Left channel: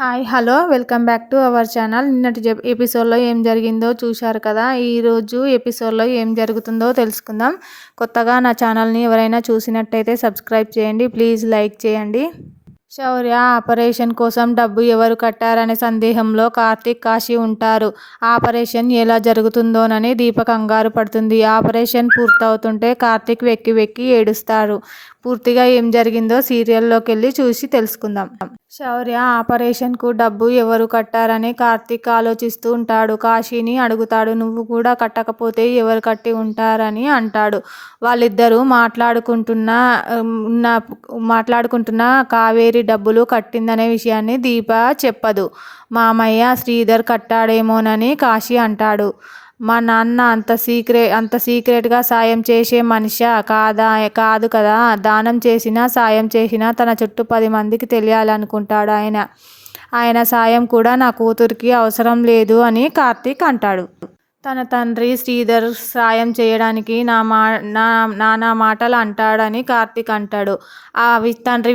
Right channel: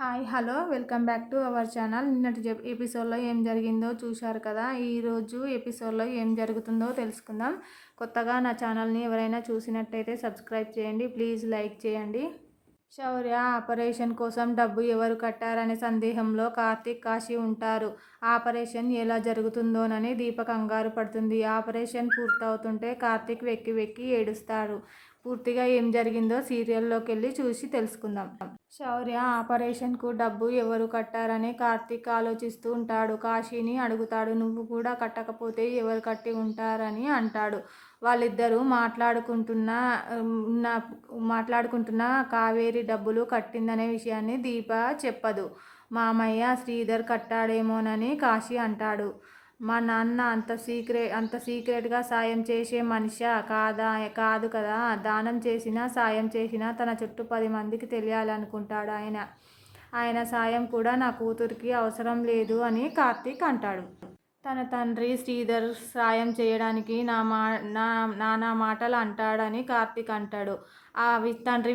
Hi hello welcome back to our channel. నిన్నటి ఎపిసోడ్లో ఏం జరిగిందో చూశారు కదా. ఈరోజు ఎపిసోడ్లో ఏం జరుగుతుందో తెలుసుకుందాం. కొత్తగా నా ఛానల్ని ఎవరైనా చూసినట్టయితే సబ్స్క్రైబ్ చేయండి, ప్లీజ్ లైక్ చేయండి. శౌర్య ఆపరేషన్ కోసం డబ్బు ఎవరు కట్టారనే సందేహంలో కార్తీక్, కాశీ ఉంటారు. ఆపరేషన్ ఎలా జరుగుతుందోనని దీప కంగారు పడుతుంది. ఆపరేషన్ పూర్తవుతుంటే కార్తీక్ వెక్కి వెక్కి ఏడుస్తారు. పూర్తిగా ఏం జరిగిందో సీరియల్లోకి వెళ్ళి చూసి తెలుసుకుందాం. శౌర్య ఆపరేషన్కు డబ్బు ఎవరు కట్టారని కార్తీక్ ఆలోచిస్తూ ఉంటాడు. కాశీని అడుగుతాడు, నువ్వు కూడా కట్టకపోతే ఎవరు కట్టి ఉంటారని అంటాడు. వాళ్ళిద్దరూ మాట్లాడుకుంటున్న కావేరి డబ్బులు కట్టిందనే విషయాన్ని దీప చెప్పదు. మామయ్య శ్రీధర్ కట్టాడేమోనని కాశీ అంటాడు. మా నాన్న అంత సీక్రెట్గా సాయం చేసే మనిషా కాదు కదా. దానం చేసినా సాయం చేసినా తన చుట్టూ 10 మందికి తెలియాలనుకుంటాడు ఆయన సాయం కూడా నా కూతురికి అవసరం లేదు అని కార్తీక్ అంటాడు. తన తండ్రి శ్రీధర్ సాయం చేయడానికి నానా మాటలు అంటాడని కార్తీక్ అంటాడు. తండ్రి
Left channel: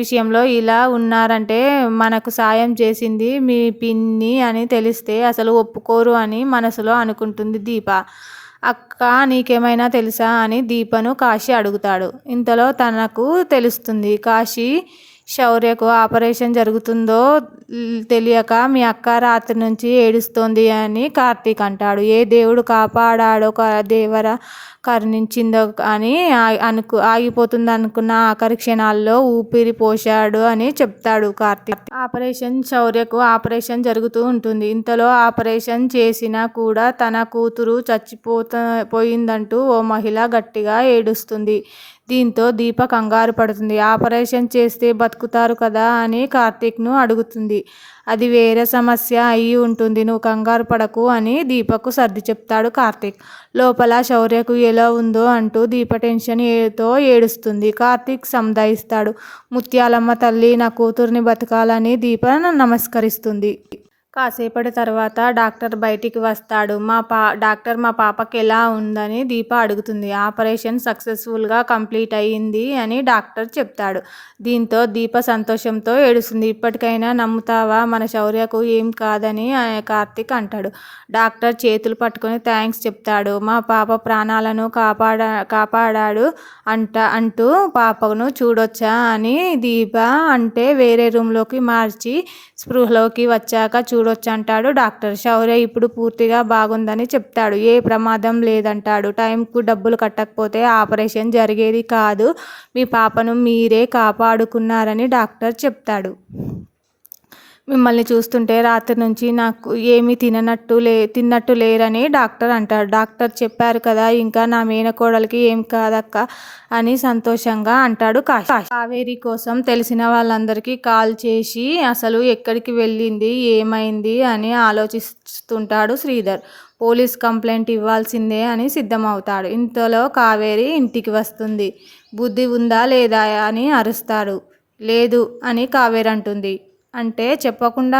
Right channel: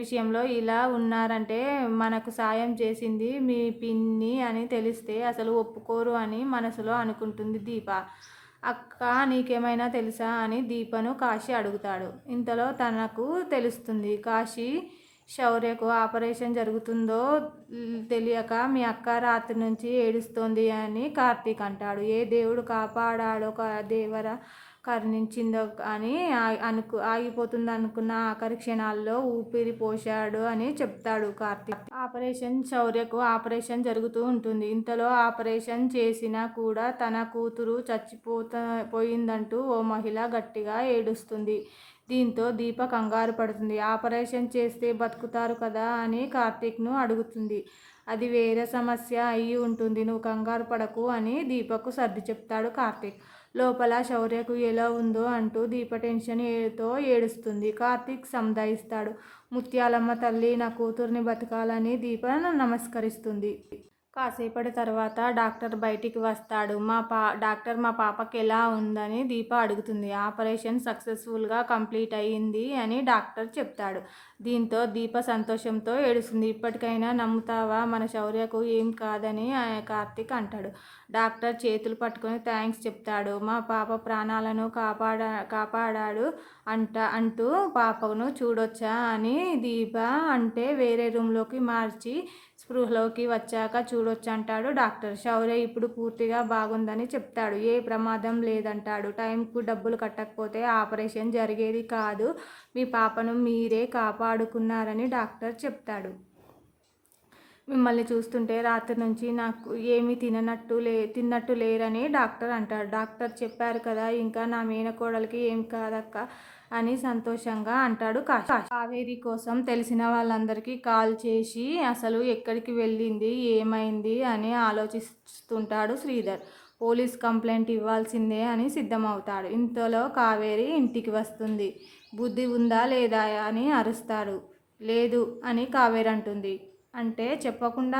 విషయంలో ఇలా ఉన్నారంటే మనకు సాయం చేసింది మీ పిన్ని అని తెలిస్తే అసలు ఒప్పుకోరు అని మనసులో అనుకుంటుంది దీప. అక్క నీకేమైనా తెలుసా అని దీపను కాశీ అడుగుతాడు. ఇంతలో తనకు తెలుస్తుంది. కాశీ శౌర్యకు ఆపరేషన్ జరుగుతుందో తెలియక మీ అక్క రాత్రి నుంచి ఏడుస్తోంది అని కార్తీక్ అంటాడు. ఏ దేవుడు కాపాడాడో దేవర కరుణించిందో అని ఆగిపోతుంది అనుకున్న ఆఖరి క్షణాల్లో ఊపిరి పోశాడు అని చెప్తాడు కార్తీక్. శౌర్యకు ఆపరేషన్ జరుగుతూ ఉంటుంది. ఇంతలో ఆపరేషన్ చేసినా కూడా తన కూతురు పోయిందంటూ ఓ మహిళ గట్టిగా ఏడుస్తుంది. దీంతో దీప కంగారు పడుతుంది. ఆపరేషన్ చేస్తే బతుకుతారు కదా అని కార్తీక్ను అడుగుతుంది. అది వేరే సమస్య అయి ఉంటుంది, నువ్వు కంగారు పడకు అని దీపకు సర్ది చెప్తాడు కార్తీక్. లోపల శౌర్యకు ఎలా ఉందో అంటూ దీప టెన్షన్తో ఏడుస్తుంది. కార్తీక్ సంధాయిస్తాడు. ముత్యాలమ్మ తల్లి, నా కూతుర్ని బతకాలని దీప నమస్కరిస్తుంది. కాసేపటి తర్వాత డాక్టర్ బయటికి వస్తాడు. డాక్టర్ మా పాపకి ఎలా ఉందని దీప అడుగుతుంది. ఆపరేషన్ సక్సెస్ఫుల్గా కంప్లీట్ అయ్యింది అని డాక్టర్ చెప్తాడు. దీంతో దీప సంతోషంతో ఏడుస్తుంది. ఇప్పటికైనా నమ్ముతావా మన శౌర్యకు ఏం కాదని కార్తీక్ అంటాడు. డాక్టర్ చేతులు పట్టుకొని థ్యాంక్స్ చెప్తాడు. మా పాప ప్రాణాలను కాపాడాడు అంటూ పాపను చూడొచ్చా అని దీప అంటే వేరే రూమ్లోకి మార్చి స్పృహలోకి వచ్చాక చూడొచ్చంటాడు డాక్టర్. శౌర్య ఇప్పుడు పూర్తిగా బాగుందని చెప్తాడు. ఏ ప్రమాదం లేదంటాడు. టైంకు డబ్బులు కట్టకపోతే ఆపరేషన్ జరిగేది కాదు, మీ పాపను మీరే కాపాడుకున్నారని డాక్టర్ చెప్తాడు. మిమ్మల్ని చూస్తుంటే రాత్రి నుంచి నాకు ఏమీ తిన్నట్టు లేరని డాక్టర్ అంటాడు. డాక్టర్ చెప్పారు కదా, ఇంకా నా మేనకోడలికి ఏం కాదక్క అని సంతోషంగా అంటాడు కావేరి కోసం తెలిసిన వాళ్ళందరికీ కాల్ చేసి అసలు ఎక్కడికి వెళ్ళింది, ఏమైంది అని ఆలోచిస్తుంటాడు శ్రీధర్. పోలీస్ కంప్లైంట్ ఇవ్వాల్సిందే అని సిద్ధమవుతాడు. ఇంతలో కావేరి ఇంటికి వస్తుంది. బుద్ధి ఉందా లేదా అని అరుస్తాడు. లేదు అని కావేరి అంటుంది. అంటే చెప్పకుండా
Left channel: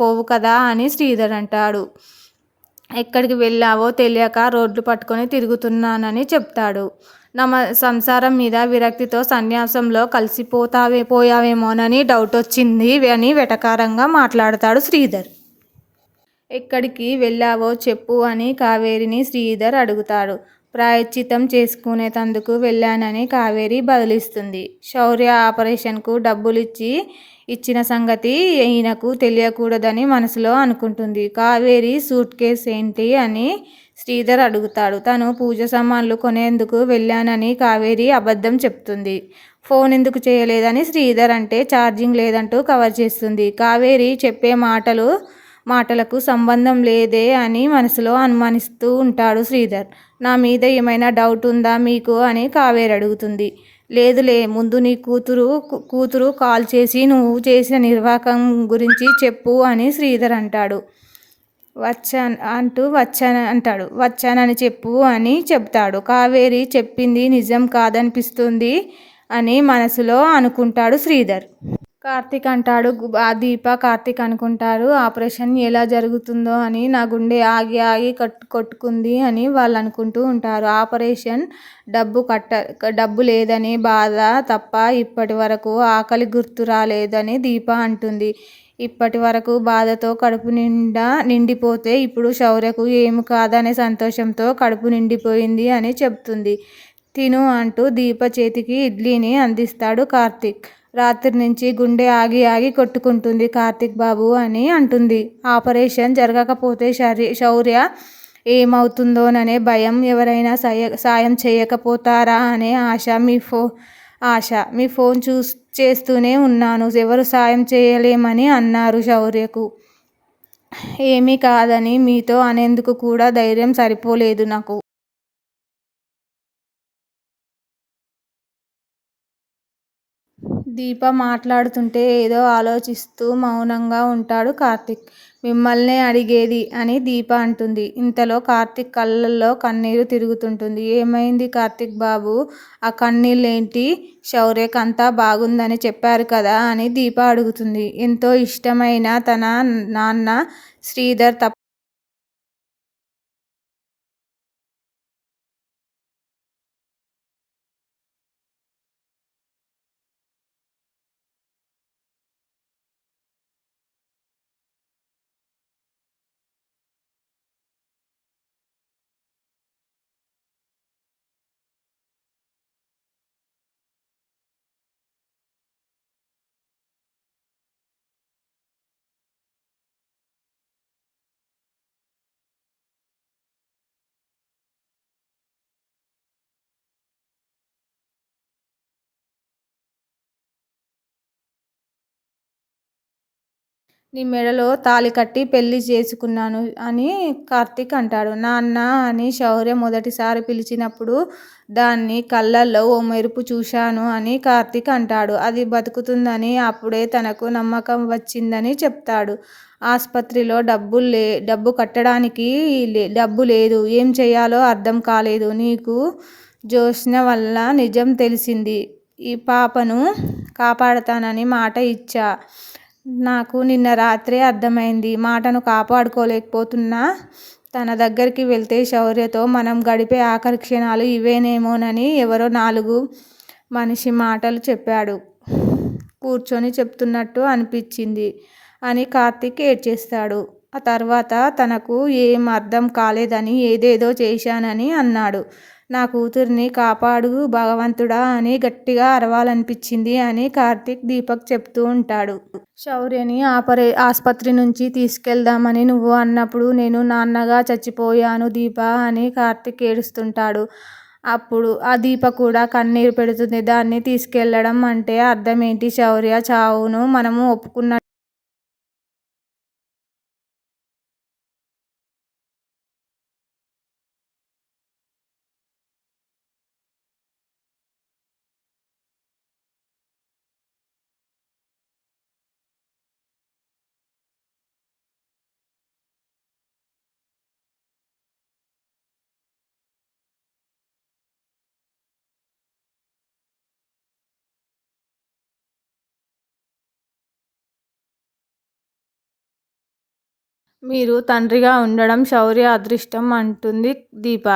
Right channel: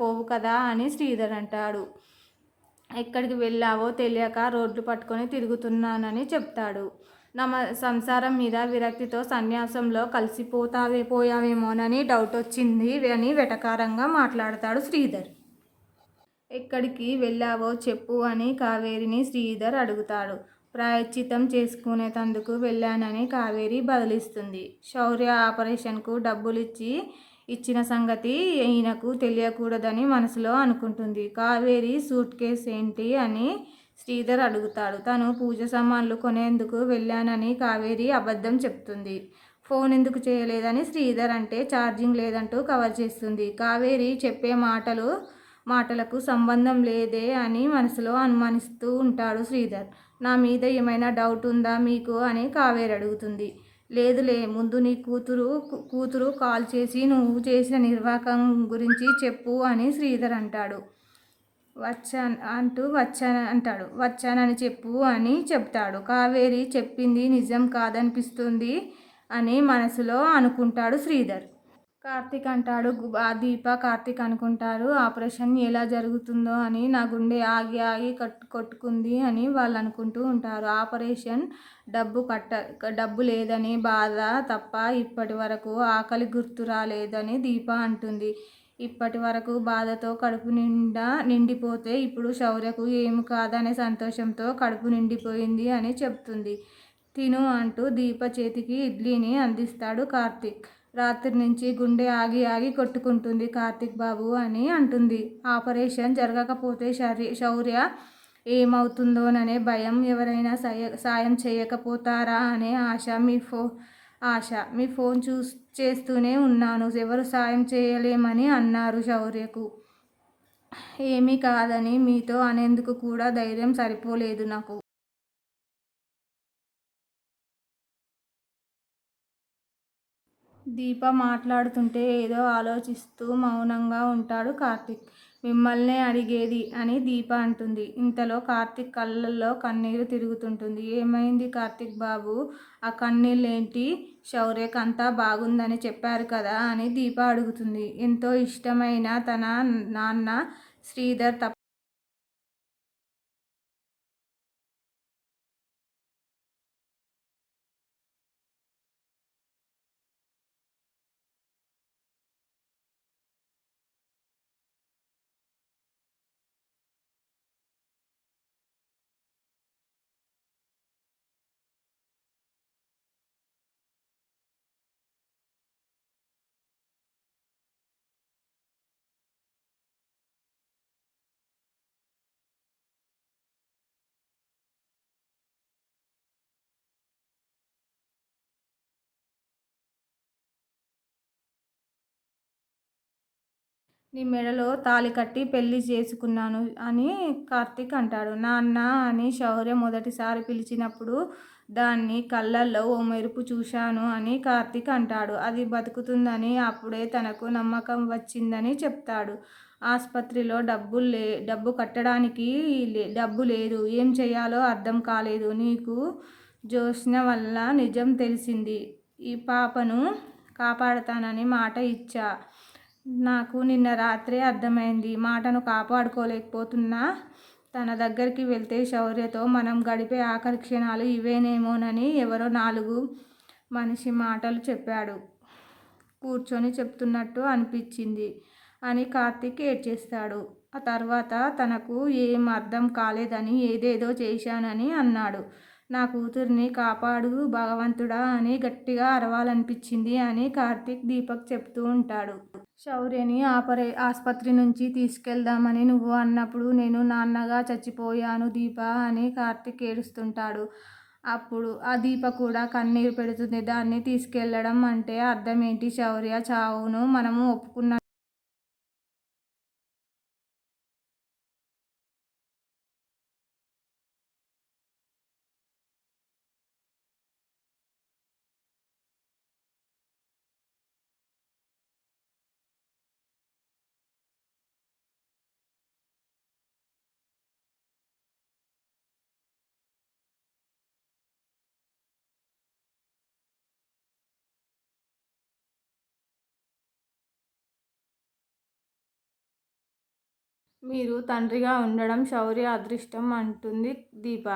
పోవు కదా అని శ్రీధర్ అంటాడు. ఎక్కడికి వెళ్ళావో తెలియక రోడ్లు పట్టుకొని తిరుగుతున్నానని చెప్తాడు. సంసారం మీద విరక్తితో సన్యాసంలో పోయావేమోనని డౌట్ వచ్చింది అని వెటకారంగా మాట్లాడతాడు శ్రీధర్. ఎక్కడికి వెళ్ళావో చెప్పు అని కావేరిని శ్రీధర్ అడుగుతాడు. ప్రాయశ్చిత్తం చేసుకునేందుకు వెళ్ళానని కావేరి బదులిస్తుంది. శౌర్య ఆపరేషన్కు డబ్బులు ఇచ్చిన సంగతి ఈయనకు తెలియకూడదని మనసులో అనుకుంటుంది. కావేరి సూట్ కేస్ ఏంటి అని శ్రీధర్ అడుగుతాడు. తను పూజ సామాన్లు కొనేందుకు వెళ్ళానని కావేరి అబద్ధం చెప్తుంది. ఫోన్ ఎందుకు చేయలేదని శ్రీధర్ అంటే ఛార్జింగ్ లేదంటూ కవర్ చేస్తుంది. కావేరి చెప్పే మాటలకు సంబంధం లేదే అని మనసులో అనుమానిస్తూ ఉంటాడు శ్రీధర్. నా మీద ఏమైనా డౌట్ ఉందా మీకు అని కావేరి అడుగుతుంది. లేదులే, ముందు నీ కూతురు కాల్ చేసి నువ్వు చేసిన నిర్వాకం గురించి చెప్పు అని శ్రీధర్ అంటాడు. వచ్చానని చెప్పు అని చెప్తాడు. కావేరి చెప్పింది నిజం కాదనిపిస్తుంది అని మనసులో అనుకుంటాడు శ్రీధర్. కార్తీక్ అంటాడు. ఆ దీప కార్తీక్ అనుకుంటారు ఆపరేషన్ ఎలా జరుగుతుందో అని. నా గుండె ఆగి ఆగి కొట్టుకుంది అని వాళ్ళు అనుకుంటూ ఉంటారు. ఆపరేషన్ డబ్బు లేదనే బాధ తప్ప ఇప్పటి వరకు ఆకలి గుర్తు రాలేదని దీప అంటుంది. ఇప్పటి వరకు బాధతో కడుపు నిండిపోతే ఇప్పుడు శౌర్యకు ఏమి కాదనే సంతోషంతో కడుపు నిండిపోయింది అని చెప్తుంది. తిను అంటూ దీప చేతికి ఇడ్లీని అందిస్తాడు కార్తీక్. రాత్రి నుంచి గుండె ఆగి ఆగి కొట్టుకుంటుంది కార్తీక్ బాబు అని అంటుంది. ఆపరేషన్ జరగకపోతే శౌర్య ఏమవుతుందోననే భయం, ఎవరైనా సాయం చేయకపోతారా అనే ఆశ. మీ ఫోన్ చేస్తూనే ఉన్నాను, ఎవరు సాయం చేయలేమని అన్నారు శౌర్యకు. ఏమీ కాదని మీతో అనేందుకు కూడా ధైర్యం సరిపోలేదు నాకు. దీప మాట్లాడుతుంటే ఏదో ఆలోచిస్తూ మౌనంగా ఉంటాడు కార్తీక్. మిమ్మల్నే అడిగేది అని దీప అంటుంది. ఇంతలో కార్తీక్ కళ్ళల్లో కన్నీరు తిరుగుతుంటుంది. ఏమైంది కార్తీక్ బాబు, ఆ కన్నీళ్ళేంటి? శౌర్యకి అంతా బాగుందని చెప్పారు కదా అని దీప అడుగుతుంది. ఎంతో ఇష్టమైన తన నాన్న శ్రీధర్ నీ మెడలో తాళి కట్టి పెళ్లి చేసుకున్నాను అని కార్తీక్ అంటాడు. నాన్న అని శౌర్య మొదటిసారి పిలిచినప్పుడు దాన్ని కళ్ళల్లో ఓ మెరుపు చూశాను అని కార్తీక్ అంటాడు. అది బతుకుతుందని అప్పుడే తనకు నమ్మకం వచ్చిందని చెప్తాడు. ఆస్పత్రిలో డబ్బు కట్టడానికి డబ్బు లేదు. ఏం చేయాలో అర్థం కాలేదు. నీకు జ్యోత్స్న వల్ల నిజం తెలిసింది. ఈ పాపను కాపాడతానని మాట ఇచ్చా. నాకు నిన్న రాత్రే అర్థమైంది. మాటను కాపాడుకోలేకపోతున్నా. తన దగ్గరికి వెళ్తే శౌర్యతో మనం గడిపే ఆఖరి క్షణాలు ఇవేనేమోనని ఎవరో 4 మనిషి మాటలు చెప్పాడు. కూర్చొని చెప్తున్నట్టు అనిపించింది అని కార్తీక్ ఏడ్చేస్తాడు. ఆ తర్వాత తనకు ఏం అర్థం కాలేదని ఏదేదో చేశానని అన్నాడు. నా కూతుర్ని కాపాడు భగవంతుడా అని గట్టిగా అరవాలనిపించింది అని కార్తీక్ దీపక్ చెప్తూ ఉంటాడు. శౌర్యని ఆస్పత్రి నుంచి తీసుకెళ్దామని నువ్వు అన్నప్పుడు నేను నాన్నగా చచ్చిపోయాను దీప అని కార్తీక్ ఏడుస్తుంటాడు. అప్పుడు ఆ దీప కూడా కన్నీరు పెడుతుంది. దాన్ని తీసుకెళ్లడం అంటే అర్థమేంటి? శౌర్య చావును మనము ఒప్పుకున్న మీరు తండ్రిగా ఉండడం శౌర్య అదృష్టం అంటుంది దీప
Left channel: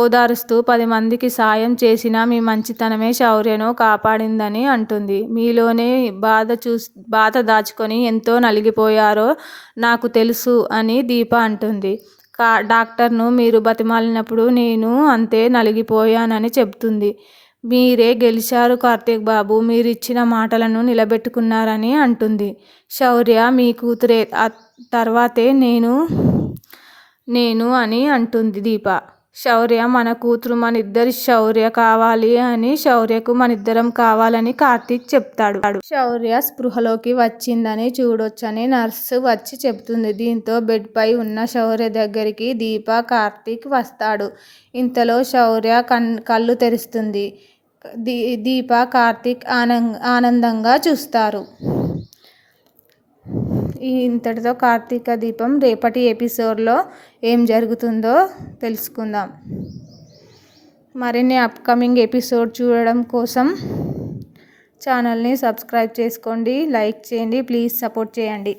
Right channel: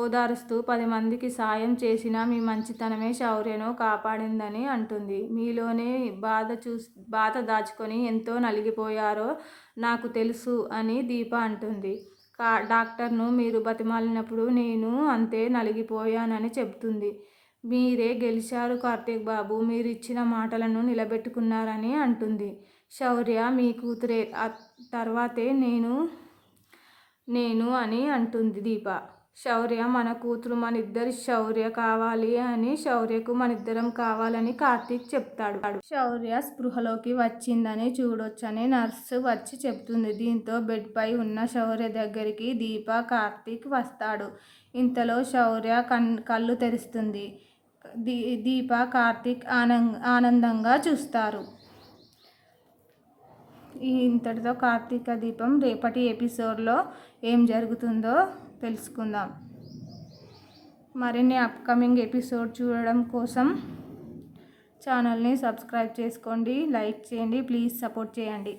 ఓదారుస్తూ. 10 మందికి సాయం చేసిన మీ మంచితనమే శౌర్యను కాపాడిందని అంటుంది. మీలోనే బాధ దాచుకొని ఎంతో నలిగిపోయారో నాకు తెలుసు అని దీప అంటుంది. డాక్టర్ను మీరు బతిమాలినప్పుడు నేను అంతే నలిగిపోయానని చెప్తుంది. మీరే గెలిచారు కార్తీక్ బాబు, మీరిచ్చిన మాటలను నిలబెట్టుకున్నారని అంటుంది. శౌర్య మీ కూతురే, తర్వాతే నేను అని అంటుంది దీప. శౌర్య మన కూతురు మనిద్దరి శౌర్య కావాలి అని శౌర్యకు మనిద్దరం కావాలని కార్తీక్ చెప్తాడు. శౌర్య స్పృహలోకి వచ్చిందని చూడొచ్చని నర్సు వచ్చి చెప్తుంది. దీంతో బెడ్ పై ఉన్న శౌర్య దగ్గరికి దీప కార్తీక్ వస్తాడు. ఇంతలో శౌర్య కళ్ళు తెరుస్తుంది. దీప కార్తీక్ ఆనందంగా చూస్తారు. ఇంతటితో కార్తీక దీపం రేపటి ఎపిసోడ్లో ఏం జరుగుతుందో తెలుసుకుందాం. మరిన్ని అప్కమింగ్ ఎపిసోడ్ చూడడం కోసం ఛానల్ని సబ్స్క్రైబ్ చేసుకోండి, లైక్ చేయండి, ప్లీజ్ సపోర్ట్ చేయండి.